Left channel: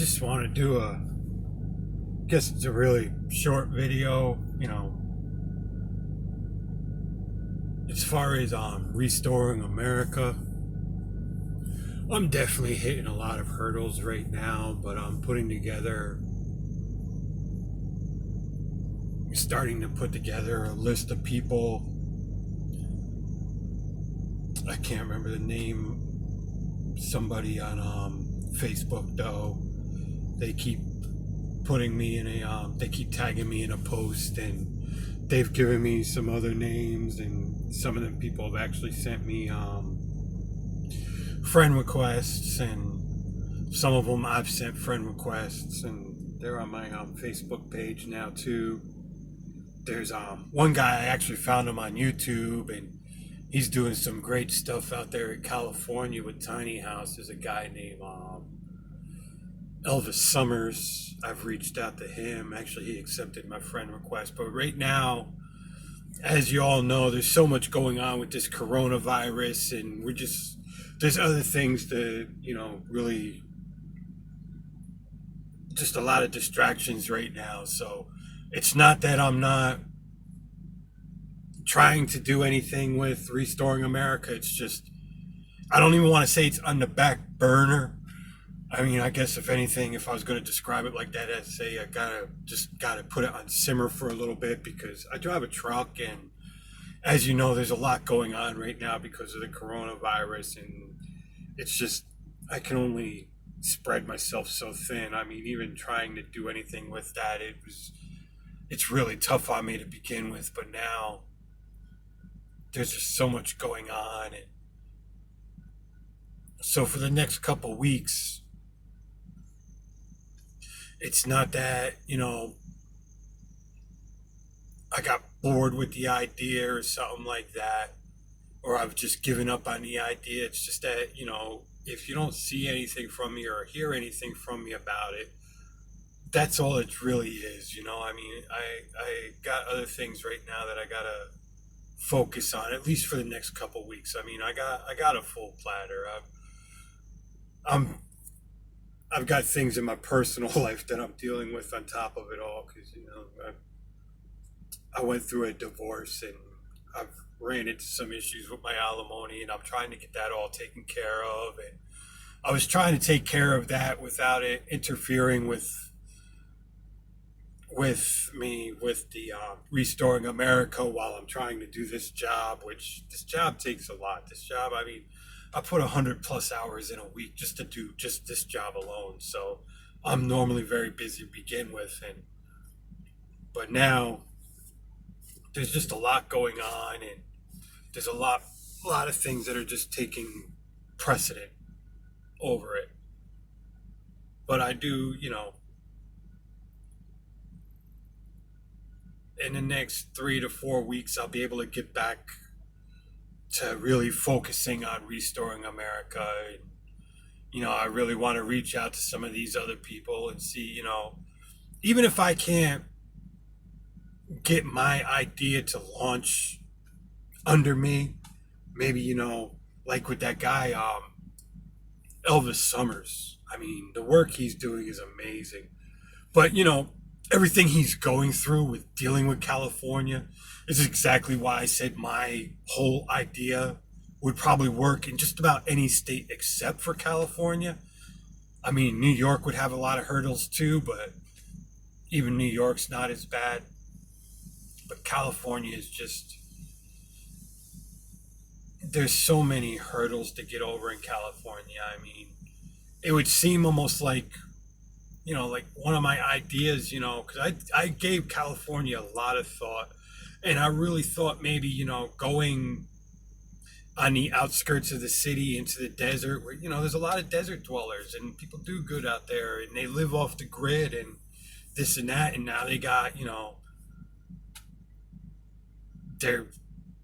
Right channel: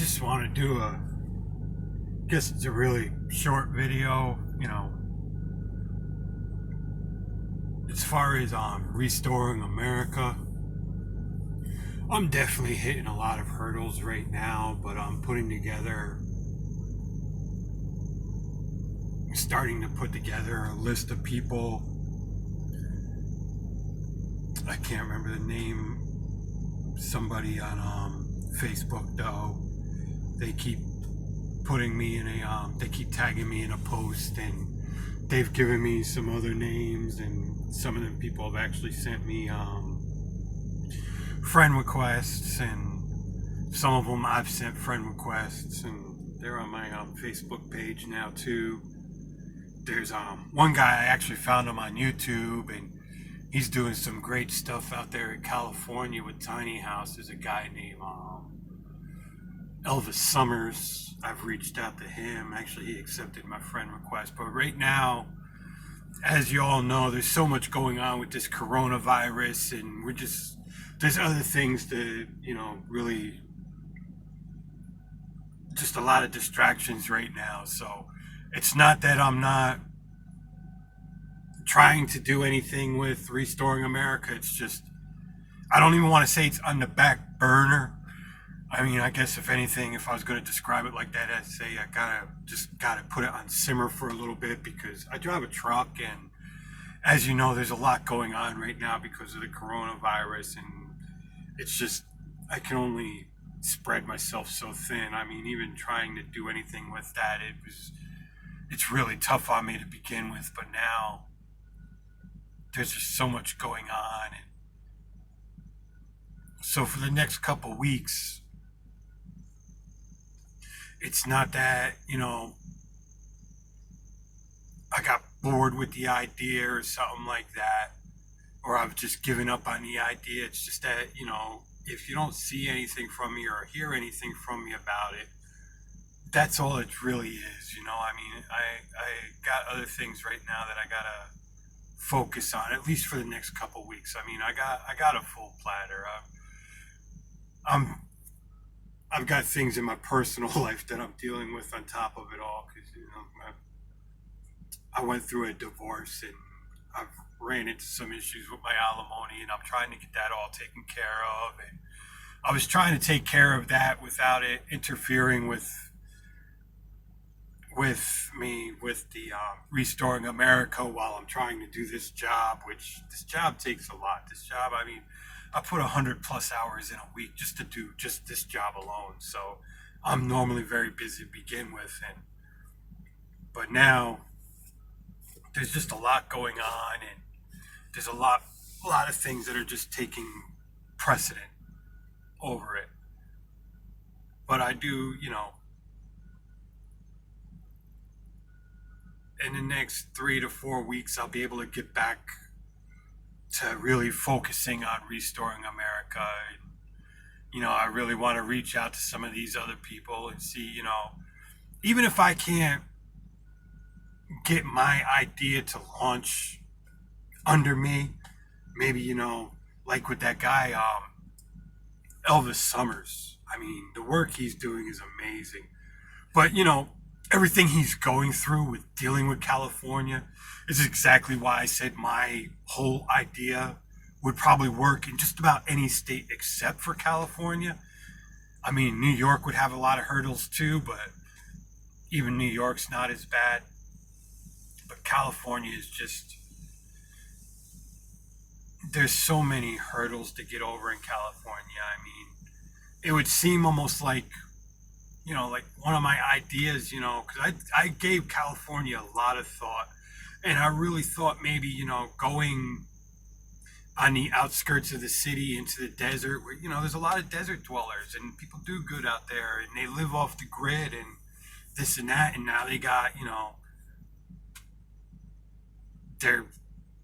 just want to do guess it's a really short video, as far as restoring America. I'm definitely hitting a lot of hurdles right now, but I'm starting to put together a list of people. I can't remember the name. Somebody on Facebook though. They keep putting me in they keep tagging me in a post, and they've given me some other names, and some of them people have actually sent me friend requests, and some of them I've sent friend requests, and they're on my Facebook page now too. There's one guy, I actually found him on YouTube, and he's doing some great stuff out there in California with tiny houses. A guy named Elvis Summers. I've reached out to him. Actually, he accepted my friend request. But right now, as you all know, there's so much going on with this coronavirus, and there's other things that, really just a lot of distractions right now. So it's not that I'm not trying to do anything with restoring America. It's just, I don't even want to say it's on the back burner. I mean, I guess if anything, if I was going to describe it like that, I'd say I gotta put it on simmer for a little bit, because I drive a truck, and as you know, there's a lot going on right now because of the coronavirus, and it's just, I can only spread myself so thin. I mean, even trying to do anything with that, it's really tough on me to begin with, but now there's just so much going on. And so for the next couple weeks, it's not that, I got bored with the idea or something like that, or I've just given up on the idea. It's just that, if you don't see anything from me or hear anything from me about it, that's all it really is. I mean, I got other things right now that I gotta focus on, at least for the next couple weeks. I mean, I got a full platter. I'm I've got things in my personal life that I'm dealing with on top of it all, because I went through a divorce, and I've ran into some issues with my alimony, and I'm trying to get that all taken care of. And I was trying to take care of that without it interfering with the restoring America, while I'm trying to do this job, which this job takes a lot. This job, I mean, I put 100+ hours in a week just to do just this job alone. So I'm normally very busy to begin with, but now there's just a lot going on, and there's a lot of things that are just taking precedent over it. But I do, in the next 3 to 4 weeks, I'll be able to get back to really focusing on restoring America. And, I really want to reach out to some of these other people and see, even if I can't get my idea to launch under me, maybe, like with that guy, Elvis Summers. I mean, the work he's doing is amazing. But, everything he's going through with dealing with California is exactly why I said my whole idea would probably work in just about any state except for California. I mean, New York would have a lot of hurdles too, but even New York's not as bad. But California is just, there's so many hurdles to get over in California. I mean, it would seem almost like one of my ideas, because I gave California a lot of thought, and I really thought maybe, going on the outskirts of the city into the desert, where, there's a lot of desert dwellers, and people do good out there, and they live off the grid and this and that, and now they got, they're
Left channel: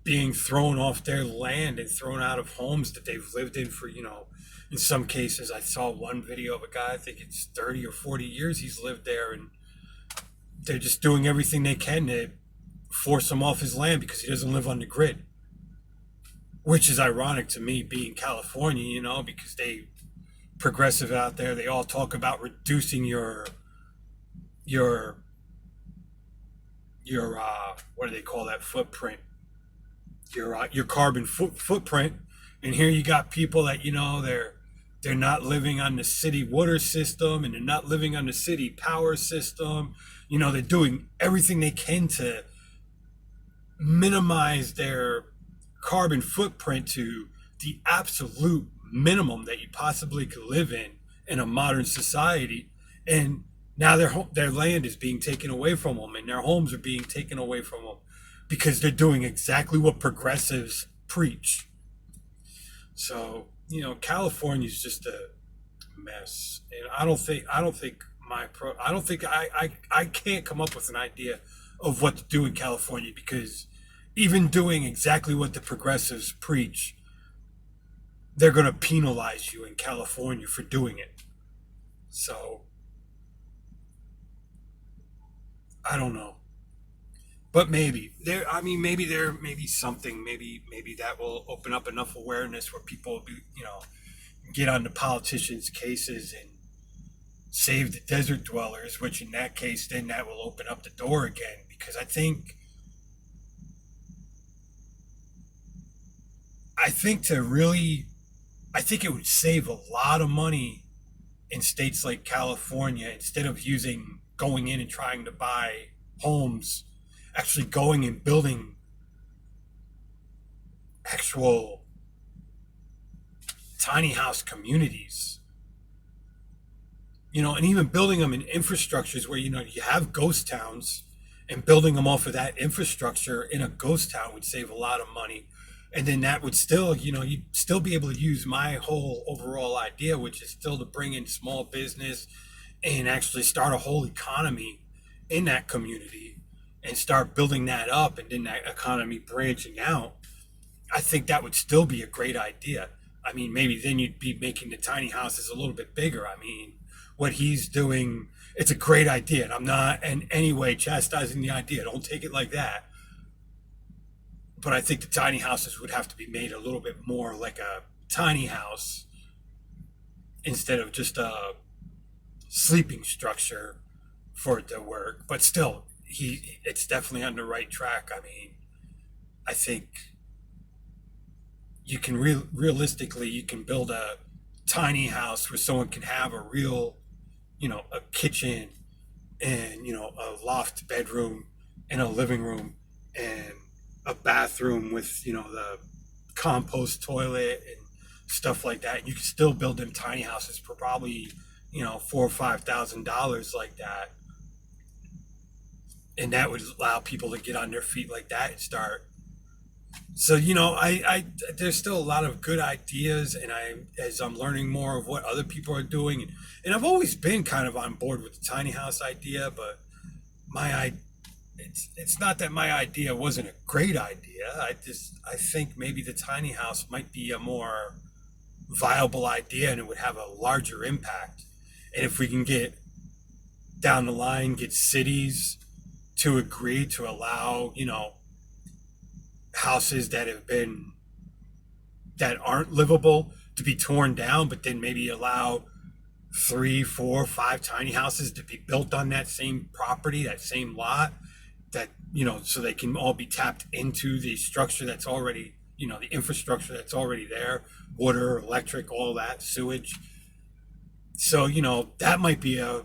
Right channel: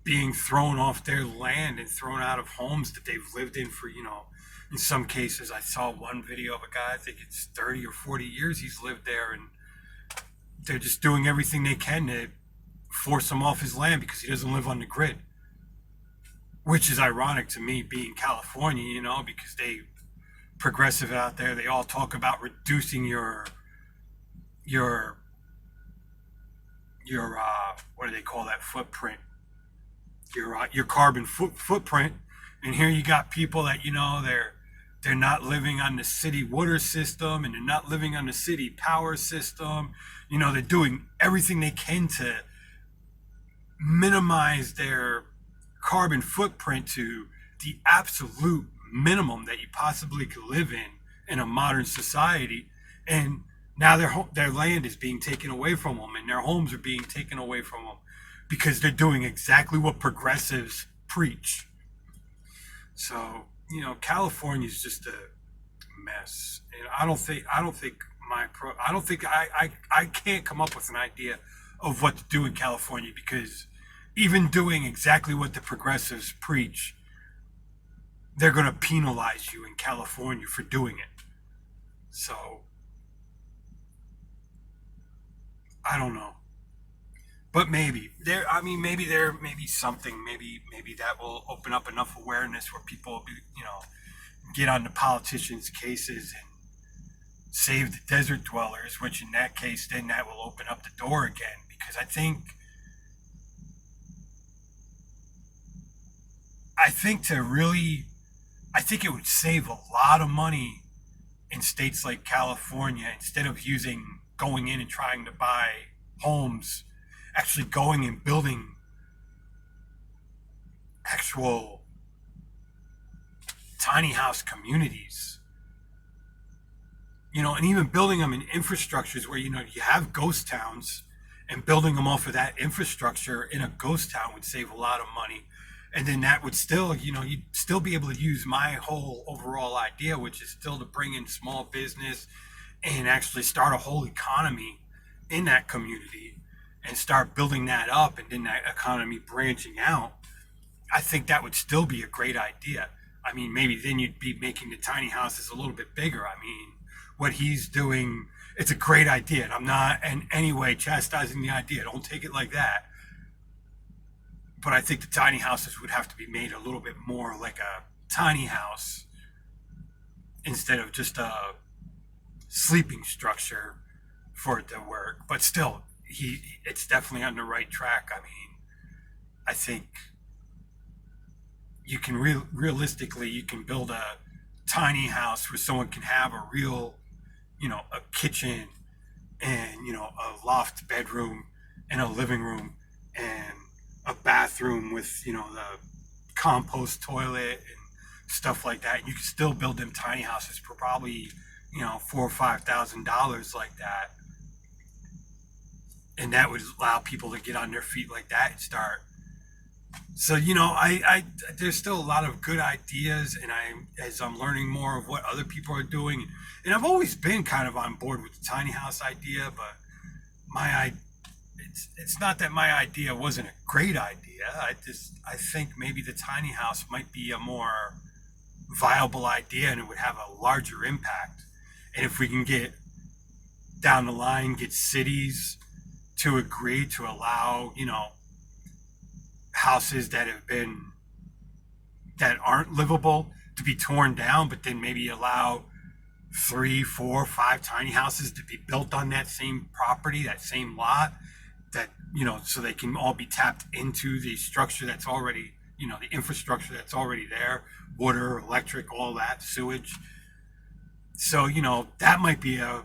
being thrown off their land and thrown out of homes that they've lived in for, in some cases. I saw one video of a guy, I think it's 30 or 40 years he's lived there, and they're just doing everything they can to force him off his land because he doesn't live on the grid. Which is ironic to me, being California, because they progressive out there, they all talk about reducing your what do they call that, footprint, your carbon footprint. And here you got people that, they're not living on the city water system, and they're not living on the city power system. They're doing everything they can to minimize their carbon footprint to the absolute minimum that you possibly could live in a modern society. And now their land is being taken away from them, and their homes are being taken away from them because they're doing exactly what progressives preach. So, California is just a mess, and I can't come up with an idea of what to do in California, because even doing exactly what the progressives preach, they're going to penalize you in California for doing it. So I don't know, but maybe there. I mean, maybe there may be something. Maybe that will open up enough awareness where people will be, get on the politicians' cases and save the desert dwellers. Which in that case, then that will open up the door again, because I think to really, I think it would save a lot of money in states like California, instead of going in and trying to buy homes, actually going and building actual tiny house communities, and even building them in infrastructures where, you have ghost towns, and building them off of that infrastructure in a ghost town would save a lot of money. And then that would still, you'd still be able to use my whole overall idea, which is still to bring in small business and actually start a whole economy in that community and start building that up, and then that economy branching out. I think that would still be a great idea. I mean, maybe then you'd be making the tiny houses a little bit bigger. I mean, what he's doing, it's a great idea. And I'm not in any way chastising the idea. Don't take it like that. But I think the tiny houses would have to be made a little bit more like a tiny house instead of just a sleeping structure for it to work. But still, it's definitely on the right track. I mean, I think you can realistically, you can build a tiny house where someone can have a real, a kitchen, and a loft bedroom, and a living room, and a bathroom with, the compost toilet and stuff like that. And you can still build them tiny houses for probably, $4,000 or $5,000 like that. And that would allow people to get on their feet like that and start. So, there's still a lot of good ideas, and as I'm learning more of what other people are doing, and I've always been kind of on board with the tiny house idea. But my it's not that my idea wasn't a great idea. I think maybe the tiny house might be a more viable idea, and it would have a larger impact. And if we can get down the line, get cities to agree to allow, houses that aren't livable to be torn down, but then maybe allow three, four, five tiny houses to be built on that same property, that same lot, that, so they can all be tapped into the structure that's already, the infrastructure that's already there, water, electric, all that, sewage. So, that might be a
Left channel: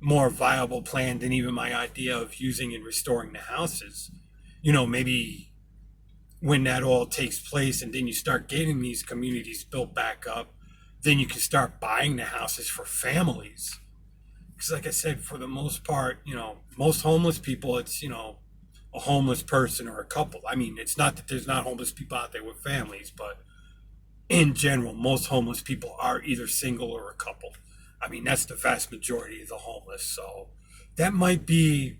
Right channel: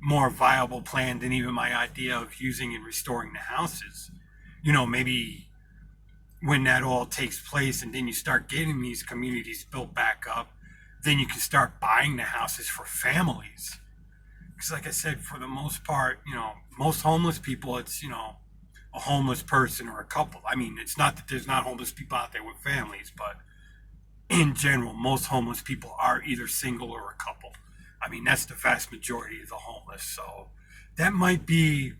more viable plan than even my idea of using and restoring the houses. Maybe when that all takes place, and then you start getting these communities built back up, then you can start buying the houses for families. Because, like I said, for the most part, most homeless people, it's, a homeless person or a couple. I mean, it's not that there's not homeless people out there with families, but in general, most homeless people are either single or a couple. I mean, that's the vast majority of the homeless. So that might be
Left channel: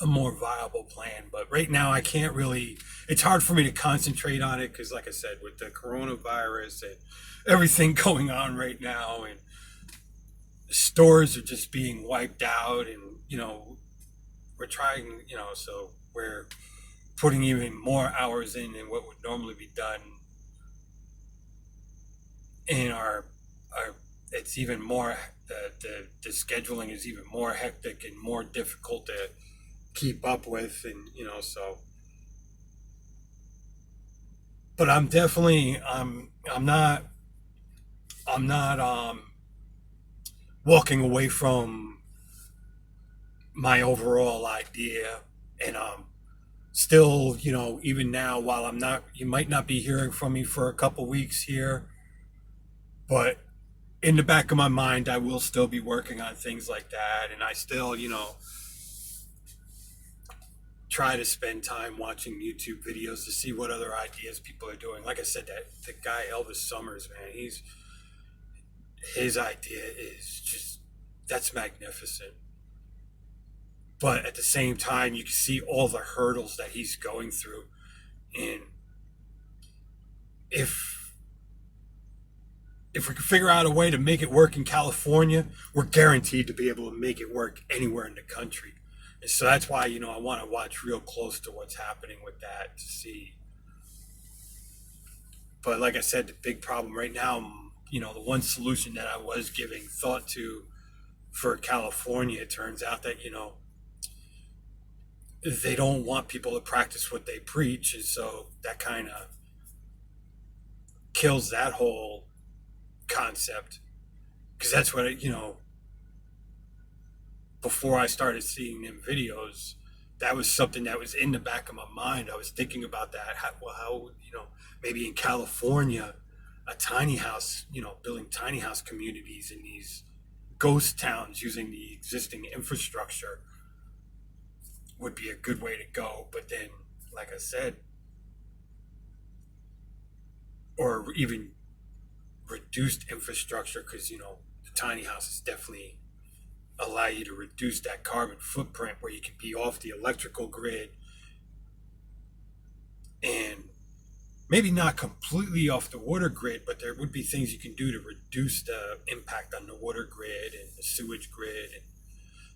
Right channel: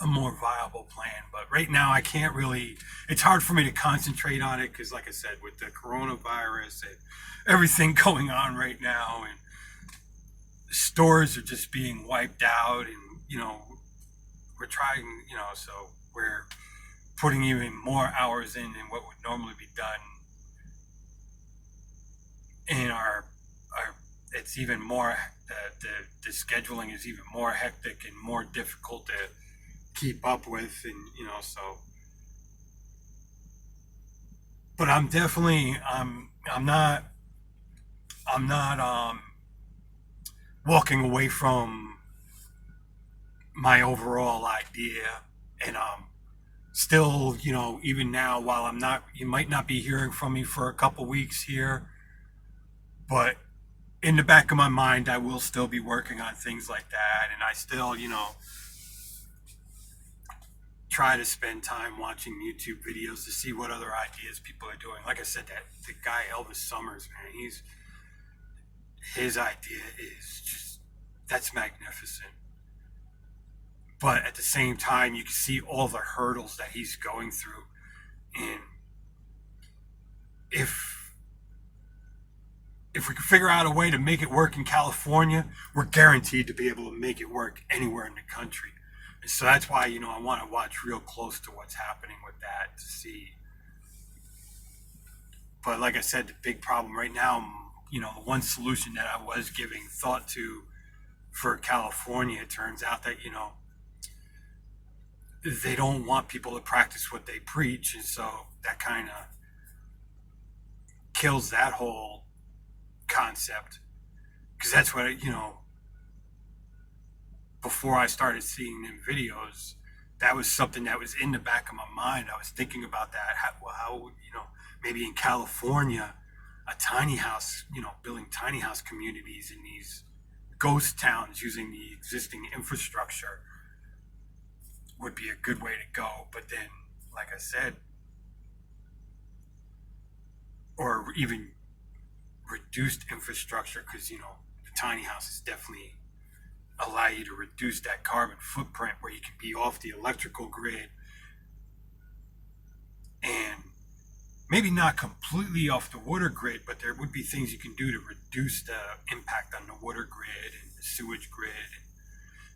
a more viable plan. But right now, I can't really, it's hard for me to concentrate on it because, like I said, with the coronavirus and everything going on right now, and stores are just being wiped out, and, we're trying, so we're putting even more hours in than what would normally be done in our it's even more, the scheduling is even more hectic and more difficult to keep up with, and so. But I'm definitely, I'm not walking away from my overall idea, and still, even now, while I'm not, you might not be hearing from me for a couple weeks here, but in the back of my mind, I will still be working on things like that, and I still, try to spend time watching YouTube videos to see what other ideas people are doing. Like I said, that the guy Elvis Summers, man, his idea is just, that's magnificent. But at the same time, you can see all the hurdles that he's going through, and if if we can figure out a way to make it work in California, we're guaranteed to be able to make it work anywhere in the country. And so that's why, I want to watch real close to what's happening with that to see. But like I said, the big problem right now, the one solution that I was giving thought to for California, it turns out that, they don't want people to practice what they preach. And so that kind of kills that whole concept. Because that's what, before I started seeing them videos, that was something that was in the back of my mind. I was thinking about that. How maybe in California, a tiny house, building tiny house communities in these ghost towns using the existing infrastructure would be a good way to go. But then, like I said, or even reduced infrastructure, because, the tiny houses definitely allow you to reduce that carbon footprint where you can be off the electrical grid and maybe not completely off the water grid, but there would be things you can do to reduce the impact on the water grid and the sewage grid and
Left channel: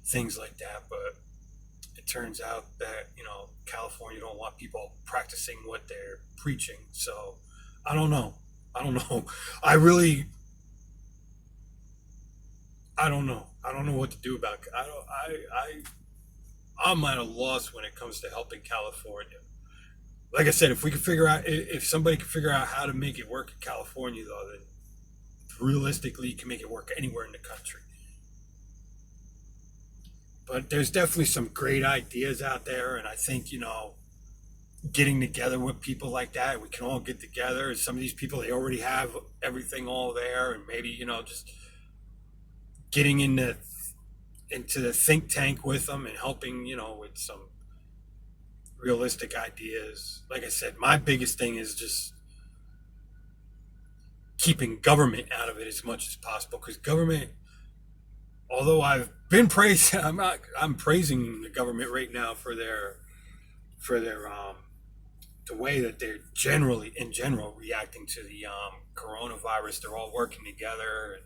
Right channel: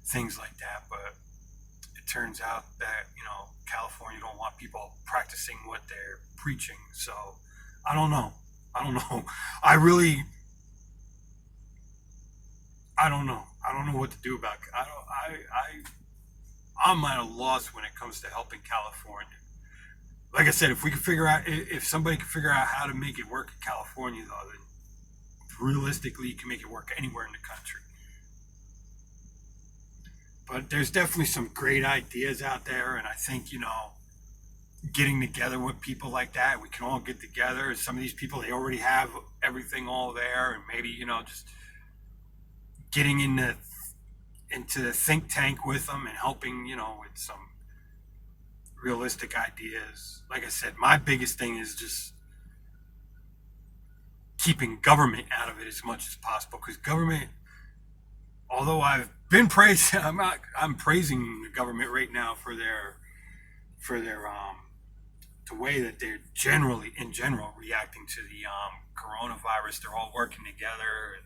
things like that. But it turns out that, California don't want people practicing what they're preaching. So I don't know. I don't know. I really, I don't know. I don't know what to do about it. I'm at a loss when it comes to helping California. Like I said, if we could figure out, if somebody could figure out how to make it work in California, though, then realistically, you can make it work anywhere in the country. But there's definitely some great ideas out there, and I think, getting together with people like that, we can all get together. And some of these people, they already have everything all there, and maybe, just getting into the think tank with them and helping, with some realistic ideas. Like I said, my biggest thing is just keeping government out of it as much as possible, because government, although I've been praising, I'm praising the government right now for their the way that they're generally in general reacting to the coronavirus. They're all working together,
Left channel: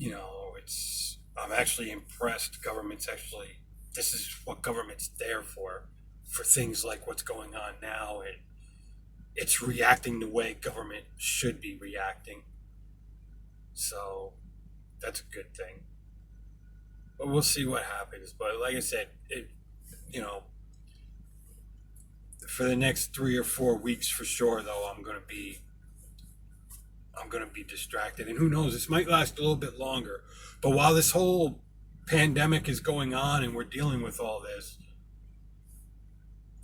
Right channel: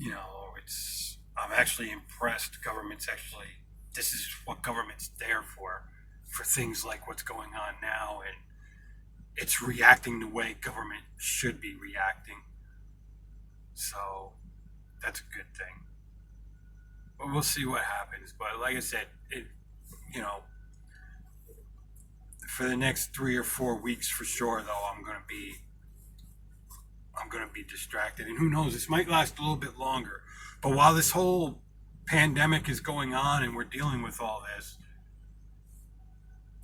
and it's, I'm actually impressed. Government's actually, this is what government's there for things like what's going on now, and it's reacting the way government should be reacting. So that's a good thing. But we'll see what happens. But like I said, you know, for the next 3 or 4 weeks for sure, though, I'm gonna be distracted, and who knows? This might last a little bit longer. But while this whole pandemic is going on and we're dealing with all this,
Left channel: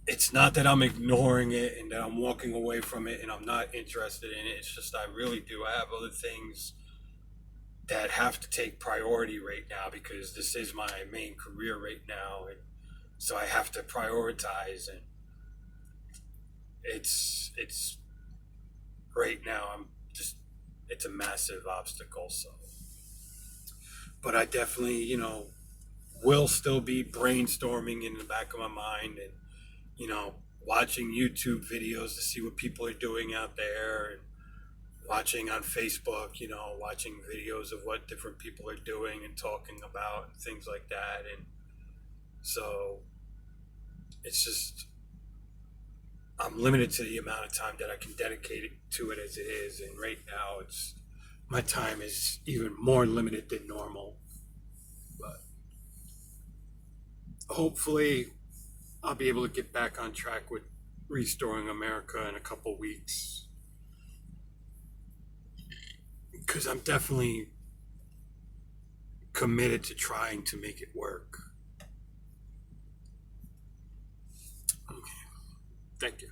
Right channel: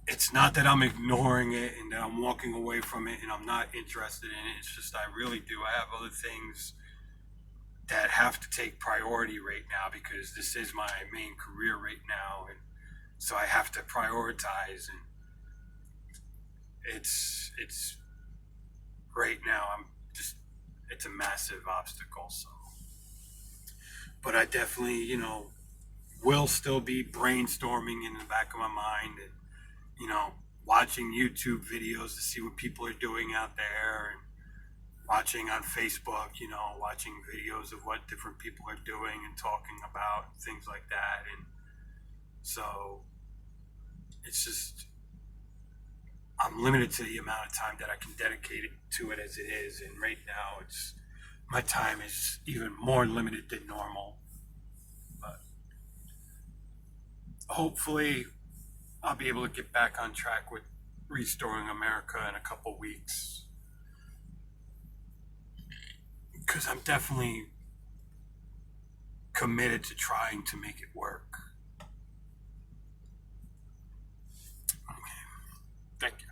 it's not that I'm ignoring it and that I'm walking away from it and I'm not interested in it. It's just I really do. I have other things that have to take priority right now because this is my main career right now, and so I have to prioritize. And it's right now, I'm just, it's a massive obstacle. So, but I definitely, will still be brainstorming in the back of my mind, and watching YouTube videos to see what people are doing out there, and watching on Facebook, watching videos of what different people are doing and talking about and things like that. And so it's just, I'm limited to the amount of time that I can dedicate it to it as it is. And right now it's my time is even more limited than normal. But hopefully, I'll be able to get back on track with restoring America in a couple weeks. Because I'm definitely committed to trying to make it work. Okay. Thank you.